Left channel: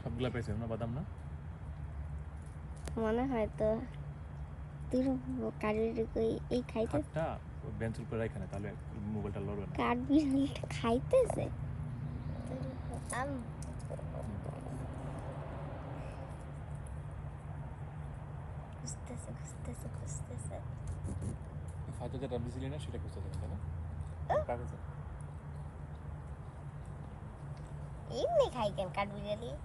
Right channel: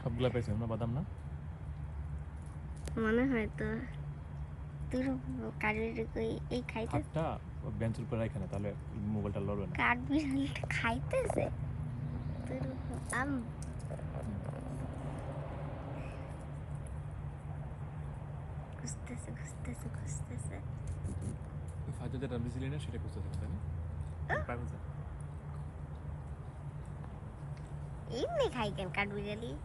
সবগুলা পেয়েছেন না বাদাম না? মনে হয় তো। তোর কাঠবিড়ালি কই এই খাইতে একটা বেঞ্চের উপরে রাখে না তাহলে মোবাইলটা লড়বে না। কাঠবিড়ালিটা খাইতেছে? আম এমনি খাই কেন কাঠবিড়া দিয়ে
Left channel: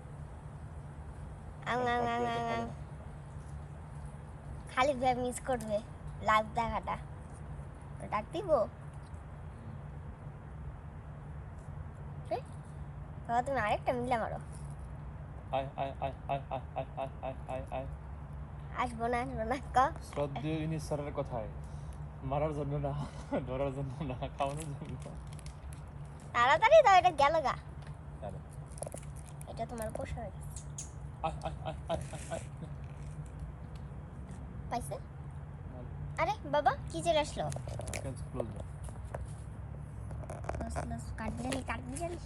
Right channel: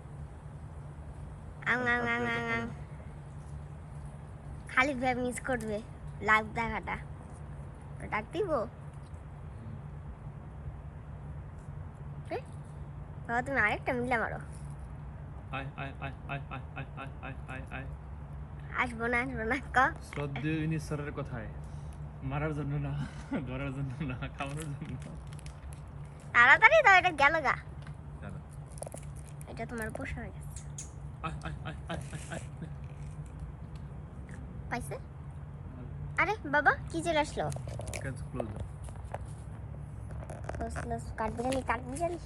আং আং আং আং। খালি ভাই মিস করবে লাভ দেখাটা। ডাক দিব। বাবা তুমি আরেকটা মিলে মারো। আসব না আসব না ক। শ্রদ্ধেয় ইনি স্যারের কথায় মারার জন্য না ধরার জন্য না খাওয়ানোর জন্য তাড়াতাড়ি দাও এটা গেল গা। এটা তোমার উপর সরে গেছে। পাইছে? আরে বাবা কি চলে আসলো? কাঠবিড়ালি কাঠবিড়ালি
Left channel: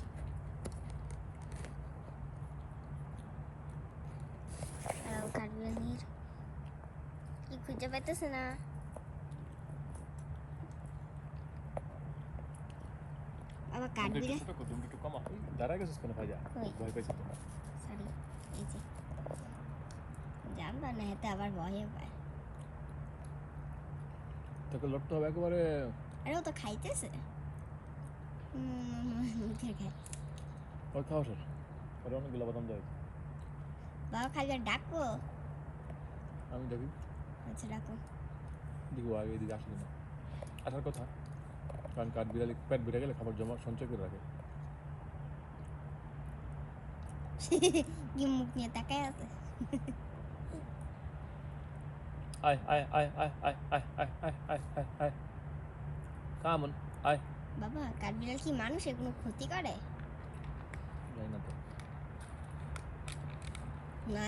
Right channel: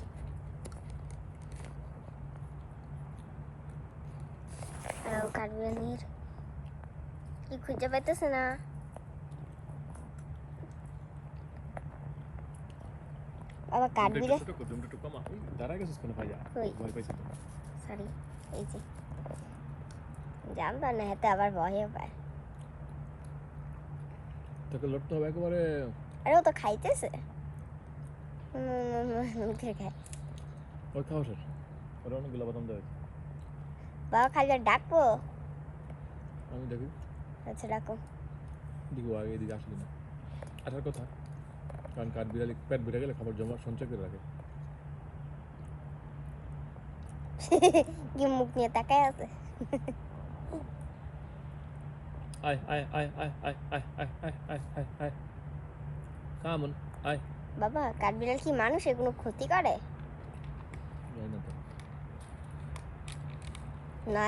কাঠবিড়ালির কি খুঁজে পাইতেছে না? বাবা ছোট কর তুমি একটু কমা ওই দাঁড়া গেছিস কোনো ভাইয়া ভয় পেয়েছি সরি এই যে। জানতাম না হেতে আবার ভয়ে পায়। তোকে লড়তে হবে একেবারে। আরে ও তো খাইতেছে। মুখে খায় ওই খাও স্যার ওরা অনেকগুলো বাদাম দেওয়া বাবা খালি আর ডাকবো? আমি দেখি আচ্ছা ডাকো। দেখি আগে এদিকে আসলে না। আসার কথা। কারণ কাঠ বিড়ালি পেট বেড়ে গেলে খাবার জমা সঞ্চয় করে রাখে কি মুখ নিয়ে তাকায় আছে আয় আয় আয় আয় আয় আয় আয় আয় আয় আয় আয় কামন আয় বাবা কাঠবিড়াল কি মানুষের কোনো ক্ষতি করে না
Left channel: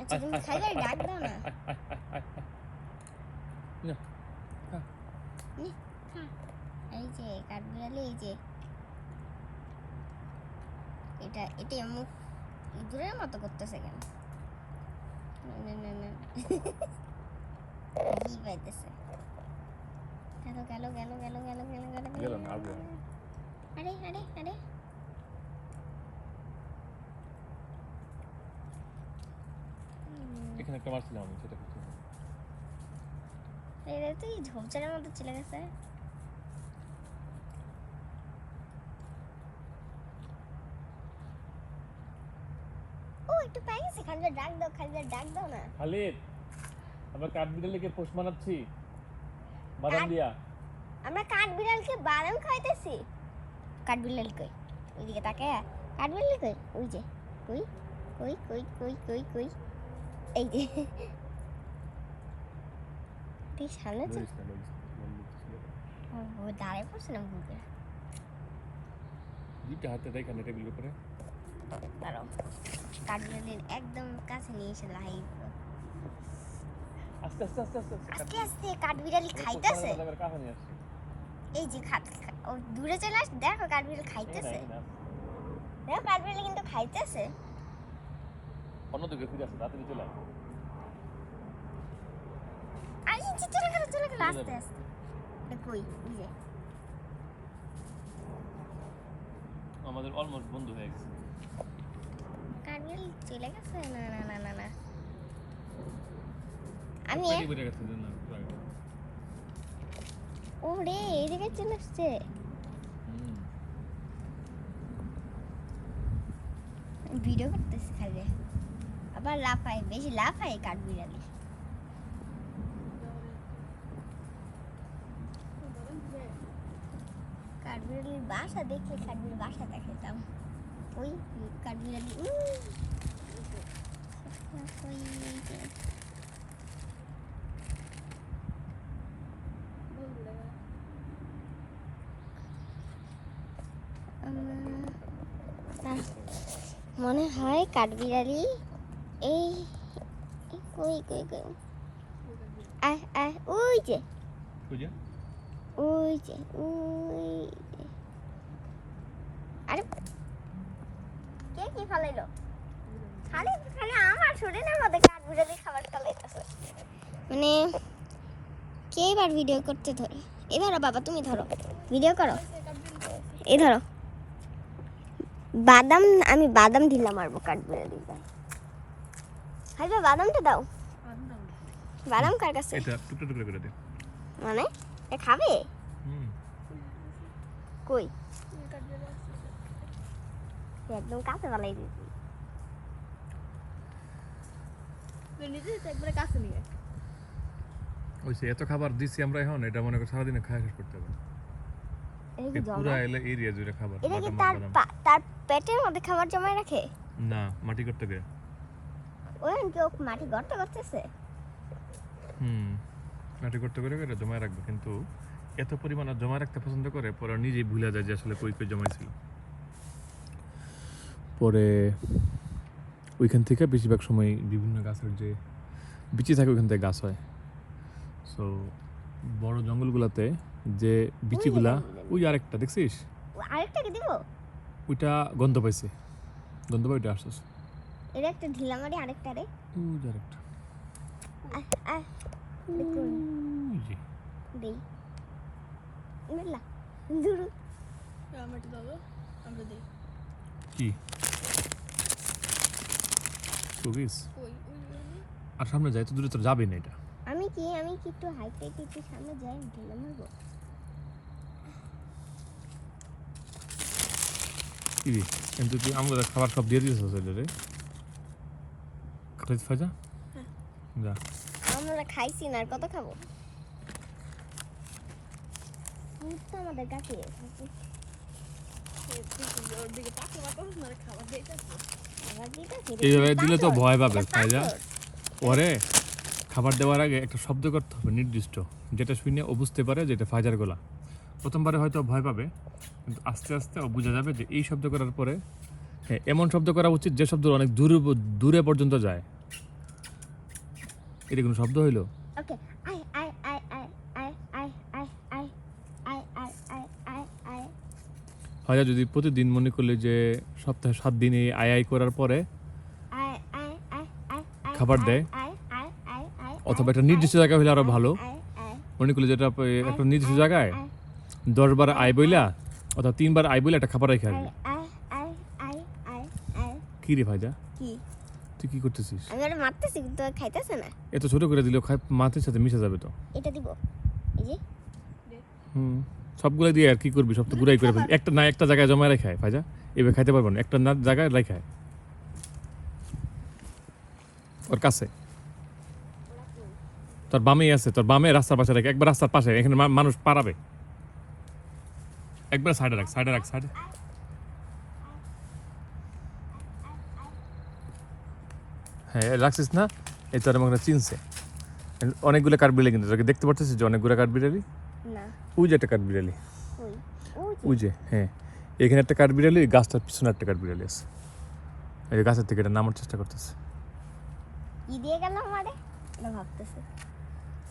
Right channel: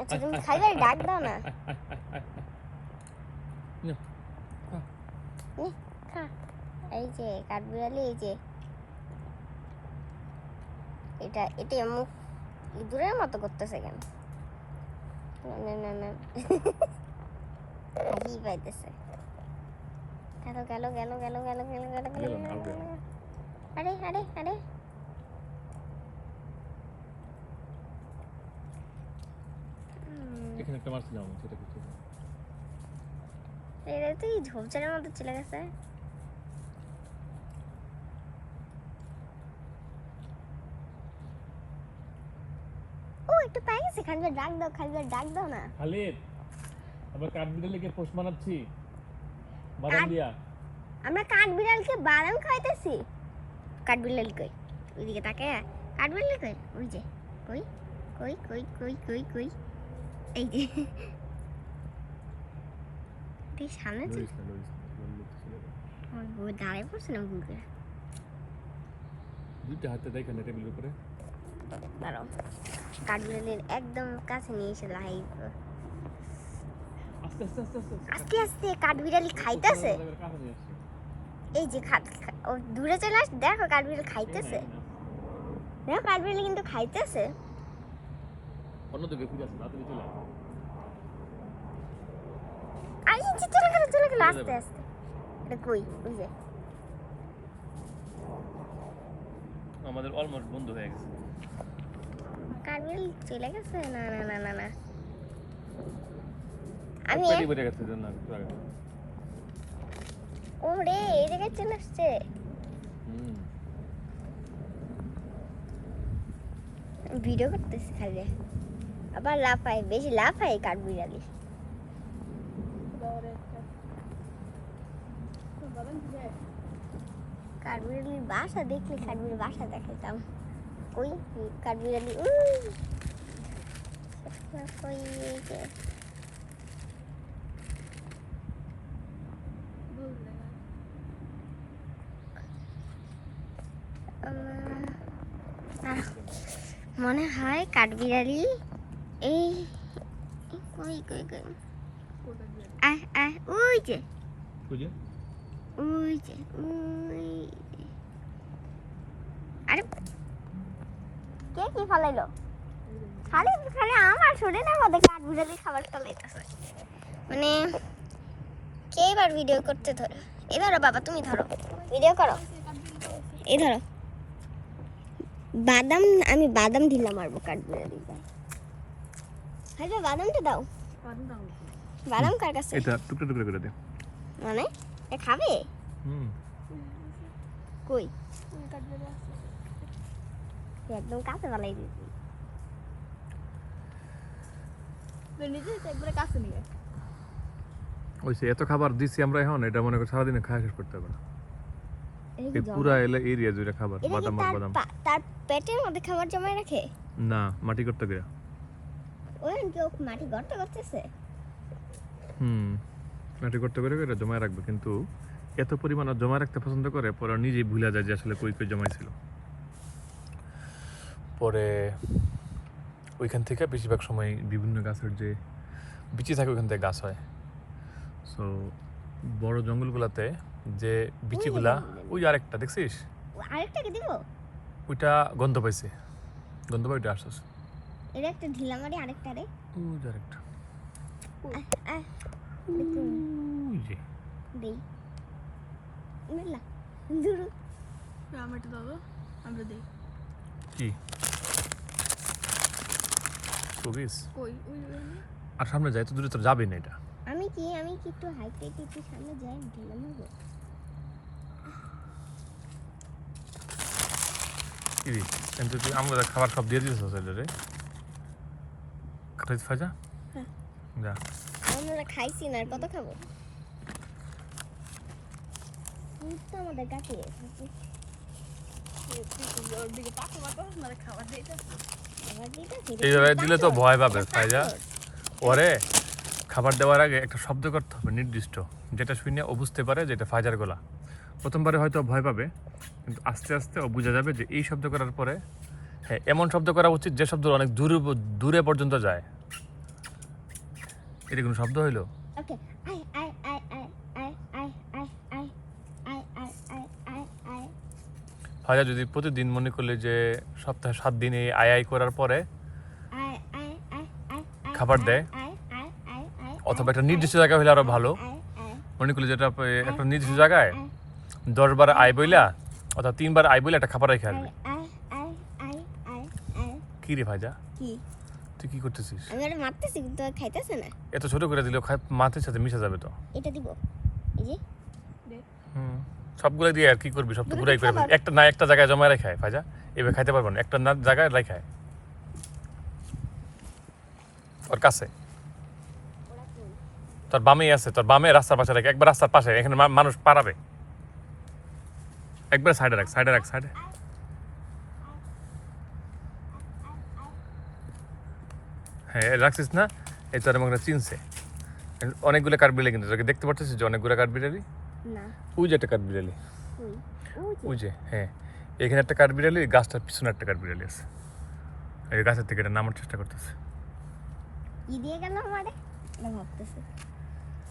আচ্ছা তুমি খালি ডাক দাও নে, নে, খা এই যে কাঠবিড়ালি এই যে এটা এটা মুখ ইঁদুরের মতো করতেছে কেন না না না না হাসি পাইতেছে গেল গেল গেল গেল গেল গেল গেল গেল আর। আরে আরে এখানে একটা মারছিলাম সেটা করতে এটা তো কি ঝোপঝাড়ের মতো চলে গেছে তো পাই গেছে খালিদের ডাক দাও খালি ডাক দাও না। খালি আমরা কাঠবিড়ালিকে পোষ মানাচ্ছি। বাদাম দিয়া। আমরা কাঠবিড়ালকে বাদাম খাইতেছি কাঠবিড়াল কই? ওইদিকে তাকে কাঠবিড়াল কই? ওই যে কই? কই কই কই কই কই? এই যে। তুই সামনে চল। ও দাঁড়ায় পড়ছে না গুগরা দুইটা হাতে দেখেন এটা বিল উপরে। দাঁড়াও। কাঠবিড়ালির একদম কাছে নিয়ে এসে লাই আস্তে আস্তে আস্তে আস্তে আস্তে। আস্তে কাঠবিড়ালি খাইতেছে? এই যে দূরে চলে আস দেখো কাঠবিড়ালি খাইতেছে। দেখো কাঠবিড়ালি কিন্তু খাইতেছে। অন্যদিকে ফিরে আসে তাড়াতাড়ি চলে। আর যে চলে গেল চলে গেল আস্তে আস্তে। এটা কই? ওই যে। আমাদের অলমোস্ট বন্ধ হয়ে গেছে। কাঠবিড়ালি চলে গেছে না না না না না। আমি ওরে এই জায়গায় চলে আসছে। ভিডিও করতেছি খালি। আবার লাফায় বেশি লাফায় কাঠবিড়ালি কাঠবিড়ালির বাসা দেখলে কাঠবিড়ালির বাসা দেখাইতাম। koi kabila ni koi je মনে হয় কাঠবিড়ালি এই কই কই কই আহ আহ ওই যে ওই যে ওই আরে কি ফলাইলো? খালি খালি আমার শরীরের মধ্যে কাঠ বিড়ালি খাবার ফলাইতেছে। মানে কে এবার ভিডিও করতে ধরো? এই ধরো বাবা তুমি ধরো। ভিডিও করো। এই ধরো। বাদাম আমি বাদাম দিলাম মারবো কাঠ বিড়ালি হাইবে বাদামটা দাও। বাদাম কার কাছে? এটা টুকরো টুকরো করে দে। মানে? এ খাবে? হুম। কই? একদম কাছে বালাই দিয়েছি ওই সে এত খাবার দিছি আমরা এখন এটা মনে করি সারাদিনে খাওয়া শেষ করতে হবে না। এই পুরা জমা। এলা এরিয়া জুড়ে খাবার বাদাম বাদাম। তার পেটের মধ্যে খাবার জমায় রাখে? না মাটি করতে গিয়ে। ওই কি মাটি গর্ত করতেছে? হুম মাটি করতে করে করে জমায় রাখবে কিন্তু এত পরিমাণ ও জমায় রাখতে পছন্দ করে পরে নিজেই ভুলে যায় যে আসলে কই কই জমাইছিল। পরে ওইখান থেকে বেশিরভাগ সময় বিভিন্ন গাছের যে বিচি থাকে ওইখান থেকে গাছ হয়। সো বড় জঙ্গলগুলাতে যে বিচিগুলা ওই আরেকটা দেখছিস? ও আরেকটাকে দিব? ওইটা গন্ধ পাইছে। গন্ধ পাই ওইটা আসছিস এটা একটা ঢিলা মারি আরেকটা রে। ওই যে আরেকটা। আহ, আহ, দেখুন, ওই যে। দেই। কি? শোবিস আর সামনে যাই তো দূরে তো যাবে না এটা? আমি কি আমি কি একটু হাইট হাইট একটু সামনে যাই ঢিলা মারবো কি কিন্তু তুই আমরা খাবার সব দিয়ে দিয়েছিস রে। খাইতে ফাজা যা। আমরা খাইছি না আর কত খাব? আমাদের কাছে। এইভাবে দিলে তো ভয় পাবে ফাইজা পরে খাবার দেওয়ার আগে একটা শব্দ করতে হবে নির্দিষ্ট। যেটা শুনে ও বুঝতে পারে যে এটা ফাজার গলা। প্রথমবারে হয়তো ভয় পাবে কিন্তু আস্তে আস্তে ও বোঝা যাবে যে এই শব্দ করার পরে হ্যাঁ এমন শব্দ করা উচিত যে শব্দ অনেক দূরে দূরে পর্যন্ত যায়। এটা কোনো শব্দ হইল? ফাজা যদি প্রতিদিন মনে করলে যে সপ্তাহে সাত দিনে করার পরে আই আই আই আই খাবার দেয় অথবা একটা নির্দিষ্ট জায়গা হলে আরও ভালো। মনে করলে যেটা এ, একটা নির্দিষ্ট জায়গায় দশ বার আয় বইলা অথবা তিনবার আয় বইলা একটা খাবার রেখে আই আসবে। কি রে ভাইজা কি? তুই কি করতেছিস? আমি মারতেছি কিন্তু ও খাইতেছে না। এত ছোট করে দিলেও খাই মাথার সাথে মিশে যাবে তো। এটা দিব। এই যে। হুম। সবগুলো দিয়ে আর কি করবি? সব তো ঘুরাই করে। একটা না একটা জায়গায় জমা রেখায় ভাইজা। এভাবে খাইতে পারব না। একটা না জায়গায় রেখায় ওর কাছে। তোর বামেই আছে। তোর বামে রাস্তার পাশে রাখ। একবার রাস্তার পাশে। এখানে মানুষ পারাবে। একবার সাইডে রাখ সাইডে রাখ সাইডে। হ্যাঁ রাখছিস না? এই তোর আমাকে চিনছে। অনেকগুলো কাঠবিড়ালি কিন্তু তোকে দেখতে পাচ্ছিস যে অনেকগুলো কাঠবিড়ালি না। ওই যে একটা কাঠবিড়ালি ওই যে। হ্যাঁ। এখানে একটা কাঠবিড়ালি গাছটার পিছনে একটা কাঠবিড়ালি আছে। এই গাছের থেকে এটা নামার চেষ্টা করতেছে। ই দিয়ে গেল আমারে এটা ভাবতেছে।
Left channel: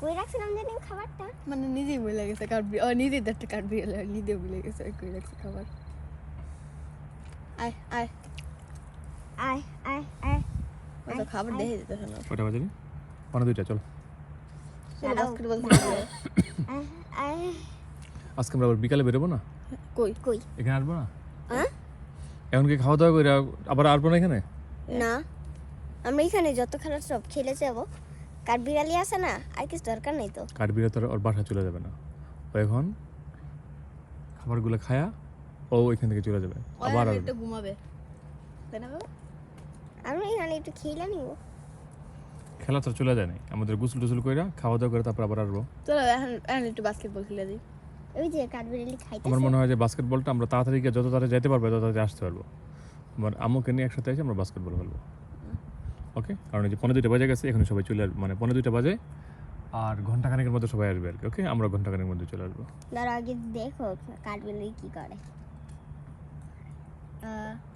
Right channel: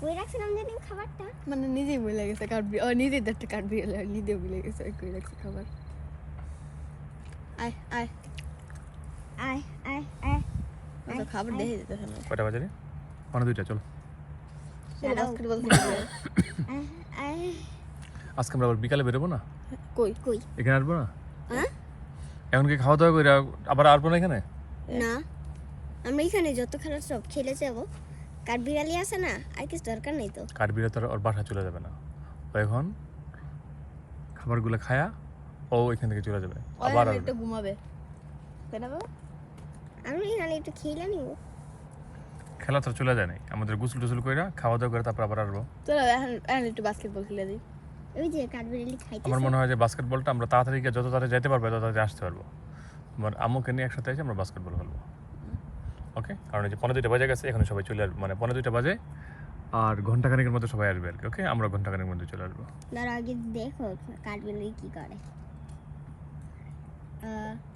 কই রাখছিলাম যেদিন খাবারটা? মানে নিজেই ভুলে গেছে কাঠ ও নিজেই একটা নিজে ভুলে গেছে রাখছে খাবার। আয় আয়। আয় আয় আয়। খাবার দেখে কটা বাজে মানে দুইটা চলো দাঁড়াও। বাস্কেটবল আয় আয় আজকে আমরা আবার বিকালে বেরোবো না? কই? কই? এখানে আসব না? হ্যাঁ এখন কি খাওয়া দাওয়া করে আবার আসব না এখানে? না। আমরা এখানে যত খেলার সব খেলে যাব। কাঠ বিড়ালি আছে না আর কিছু দরকার নেই তো। তো আর ওর বাসায় চলে যাবে না। ও এখন খাবারগুলো খায়া ও এখান থেকে চলে যাবে। আবার একটু ঘুমাবে। তাই না বাবা? আমরা এখানে একটু খেলে নিব খেলা তো চলে যায় নাই। আমাদের গোসল টোসল করে খাওয়া দাওয়া করে তারপর আবার আসব। চলো এখন এখন একটু বাস্কেটবল খেলে দিই। ওই যে খাইতেছে। আমার মনে হয় যে বাস্কেটবলটা আমরা তাড়াতাড়ি গিয়ে যত তাড়াতাড়ি যেতে পারব তত তাড়াতাড়ি আসতে পারব। আমার আম্মুকে নিয়ে একসাথে এসে আমরা বাস্কেটবল খেলব। ওকে কারণ এই যে পনেরো দুইটা বাজে গেছে এখন সবাই চলে আসবে। মানে পনেরো দুইটা বাজে আর ঘন্টাখানেকের মধ্যে সবাই আসবে আর কি ওকে আমরা ঘন্টাখানেকের মধ্যে চলে আসব। ধরো আগে দেখো কাঠ বিড়ালি কি করে।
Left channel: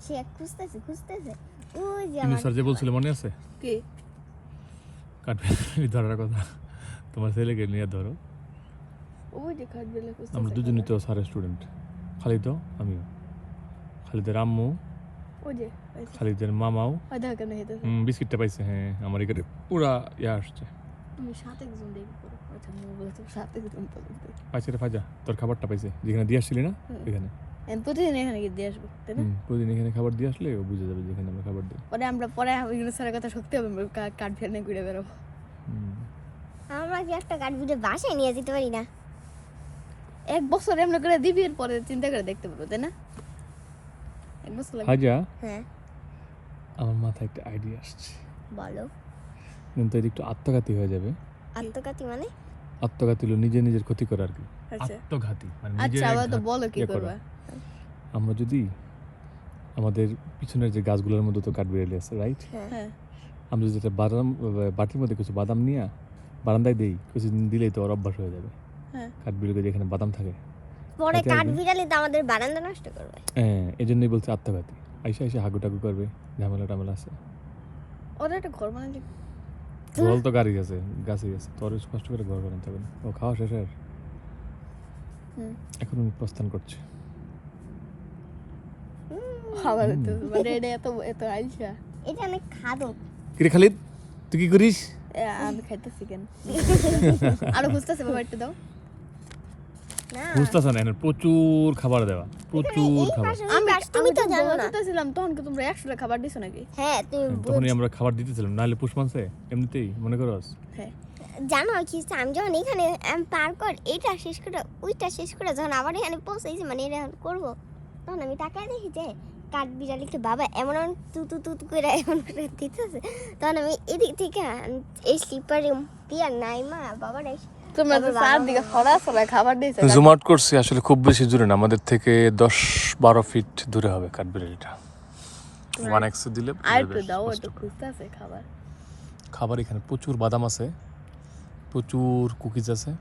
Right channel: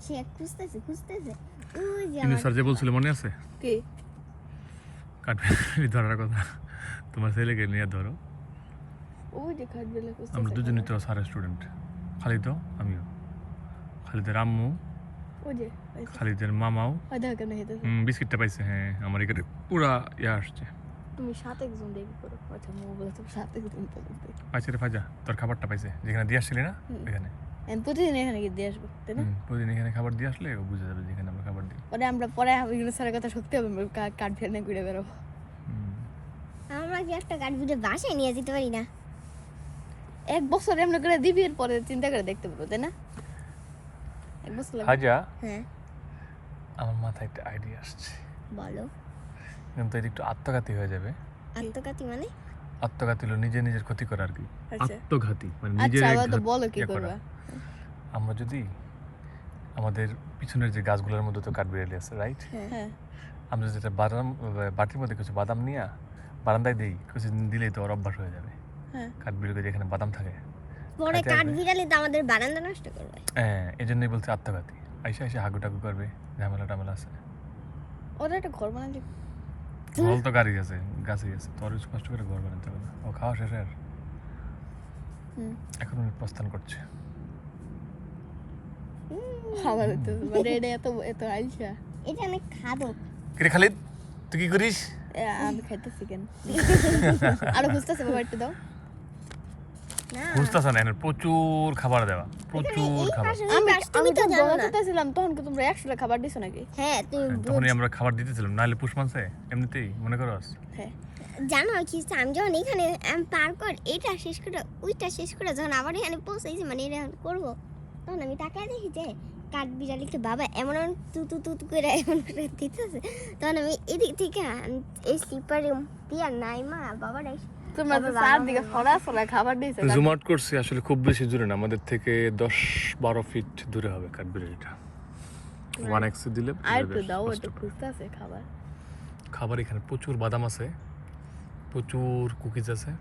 সে খুঁজতেছে খুঁজতেছে। ওই যে কিন্তু আমার স্যার যে বলছিল মনে আছে? কি? কাঠবিড়ালি ধরার কথা। তোমার ছেলেকে নিয়ে ধরো। ওই যে কাঠ আমরা দুজনই তো স্যারের স্টুডেন্ট খালি তো আমিও। খালিদের আম্মু খালিদের মামাও। বিস্কিটটা পাইছে হ্যাঁ আমার এখানে পুরা ইয়া আসছে। তুমি সাত একজন আচ্ছা ফাজা তোর খাবারটা পাইছে। যেখানে দিয়ে আসছিলি না এখানে। প্রতিদিন এখানে গিয়ে দিয়ে আসব তাই না? প্রতিদিন এখানে খাবার দিয়ে আসলে ও বুঝে যাবে যেখানে আমরা খাবার দিই। পরে আমরা পরে ওইগুলো স্যারের কথা সত্যি হবে কাঠ ফেলে ঘুরে বেরোবো আমরা কি একটা কাঠ ভিডিও বাসায় নিয়ে যেতে পারি না? এক বছর এমনি করে দিবি এর পরে চিন্তা করে দেখতে পাবো তাই না? এক বছর লাগবে। হ্যাঁ। আমার মাথায় একটা আইডিয়া আসছে। বলো। কিন্তু এটা একটু আত্মঘাতী হয়ে যাবে। আত্মঘাতী মানে? আত্মঘাতী হলো নিজে নিজের ক্ষতি করা আর কি। আচ্ছা। আত্মঘাতী মানে নিজের আচ্ছা কি ইয়ে করা। আমরা যদি আমাদের পিছনের যে গাছগুলোর মধ্যে তো কাঠবিড়ালি আছে রাইট হ্যাঁ। আমরা যদি একটা বাদাম বাটির মধ্যে কিছু বাদাম নিয়ে বারান্দায় দেই কিছুদিন দিলেই তো ওর অভ্যাস হয়ে যাবে। হ্যাঁ। কাঠবিড়ালি যেখানে বাদাম থাকে পরে খাইতে কাঠ আসবে? তো আমাদের বারান্দা নষ্ট করবে। হ্যাঁ এই জন্যই বলছে আত্মঘাতী। আইসা আইসা হাগু টাগু করবে ঝামেলা টামেলা আছে। ওরা একটা ঘর বানালে জল তো গাড়ি আছে গাছে আছে। তোর কষ্ট করে ঘর বানাতে হবে না। ও খাওয়া শেষ আর? এখন আমি প্রস্থান করছি। খাবার হতো মানে এটা এত এত আইসা। এটা খাদক কিরে খালিদ তুই কি করিস? আমি খাইতেছি কেন? আরও বুঝতেছি বাবা একটু দাও। বুঝতেছ না প্রচুর খাবার দেওয়া প্রচুর খাবার। পাশ, তুমি তো জানো না। ছিলাম তখন কি তোমরা একশোটা খাবার দিছো নাকি? হ্যাঁ তুমি হ্যাঁ, তখনই আমরা খাবার দিতেছিলাম নাহলে পুষ্পাংশে এমনিতেই মনে করো হ্যাঁ। জানো কি আমি যখন এখানে আমি পার কর এটা শেষ করে ওইটা শেষ করে যখন আবার এখানে পৌঁছেছি মানে এটা করব তখন আমি তাকায় দেখি যে কাঠ বিড়ালিকে বাবা এমন এমন তু তু তু তু করে এমন করে দিতেছে। তখন আমি এদিক থেকে এই স্লিপারে দিয়া নাই মা বাবার তোমরা তো চারদিকে ফড়া সবাই খাবার দিয়েছ। জুম আউট করছি আসলে খুব বেশি দূরে না আমাদের থেকে দশ বারো ফিট দূরে হবে কাঠবিড়ালিটা ওয়ান এক্সে দিলে খাবার। খাবার এখানে প্রচুর বাদাম আছে প্রচুর কুকিজ আছে।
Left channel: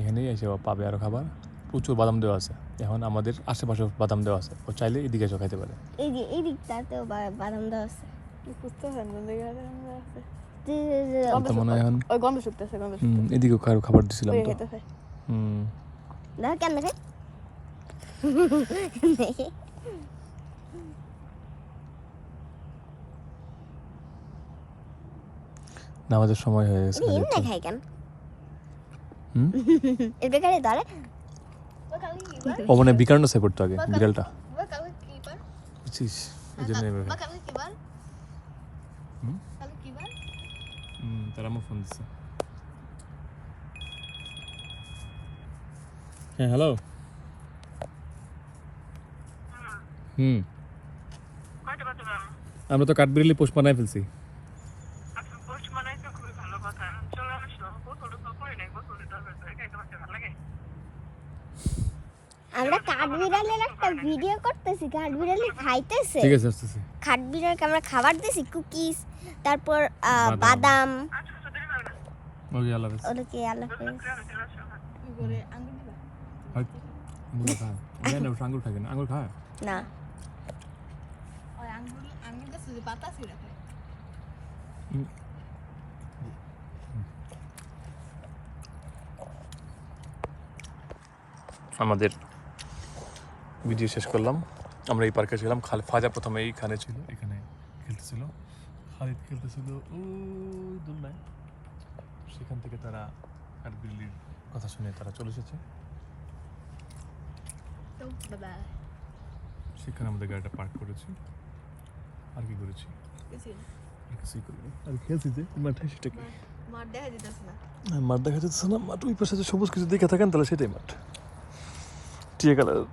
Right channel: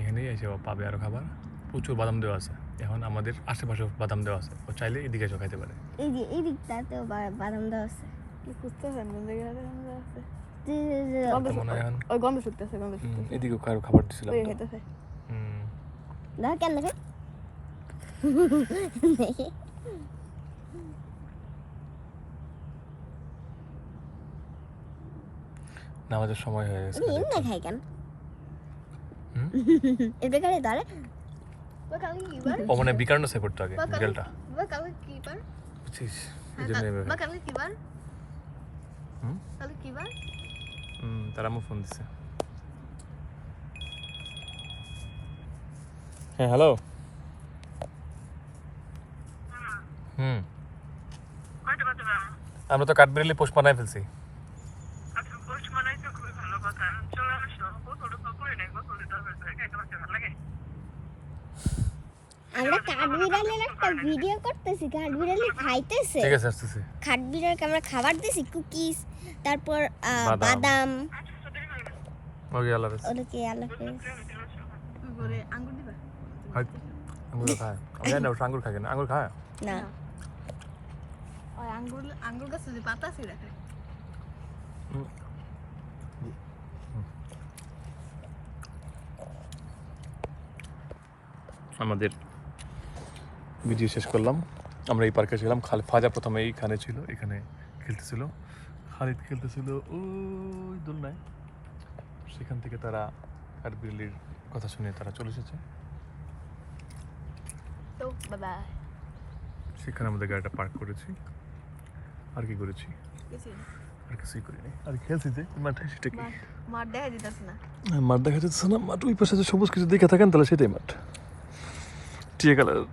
এখানেই এসে পাবে আরও খাবার। প্রচুর বাদাম দেওয়া আছে এখন আমাদের আশেপাশে বাদাম দেওয়া আছে ও চাইলে এদিকে এসে খাইতে পারে। এই যে এই দিকটাতেও বাদাম দেওয়া আছে। কি খুঁজতেছে মনে এখন ওই গন্ধ শুকতেছে গন্ধ শুকতেছে। এদিকেও খাবার- খাবার দিছিলাম ওই খেতেছে হুম। দেখো কেন দেখে। নামাজের সময় হয়ে গেছে। এমনি খাই কেন? ও মানে আগে বিকালটা। কি বার বুঝছিস এই জন্য কালকে কি বার কালকে কি বার তারা আমার ফোন দিচ্ছে হ্যাঁ হ্যালো হুম আমরা তো কাঠবিড়ালি পোষ বানাই ফেলছি আমরা কাঠবিড়ালের একটা ভিডিও করতেছি কাঠবিড়ালি খাইতেছে ঠিক আছে আসতেছে কাঠবিড়ালকে আমরা খাবার দিছি কুকিজ তারপর বাদাম। ওকে আল্লাহ হাফেজ। ওটাকে আল্লাহ হাফেজ। করে আঙ্গুর দিবা? আঙ্গুর খায়। আমি না আঙ্গুর খায় না আঙ্গুর খায়? না। আঙ্গুর আঙ্গুর গাছে যে পাতা আছে রাখে আমাদের ভিডিও শেষ করলাম। আমরা এই পার্কে ছিলাম। খাল ফাজা প্রথমে এইখানে ছিল এখানে খেলতেছিল। খালিদ খেলতেছিল। ওই দোলনায়। সেখান থেকে তারা কাঠবিড়ালির কথা শুনে তারা চলে এসেছে। সেখানে আমাদের গাড়িটা পার্ক করেছি। আর কি করেছি? আর কিছুই করিনি। আর খেলছি যে মাঠে সেটা কি? মার দেখা দিতেছে না। মাঠ দেখা না। মাঠ ওই পাশে যে সবুজ কিছু দেখে থাকেন তাহলে সেটাই মাঠ। টিয়া কালার।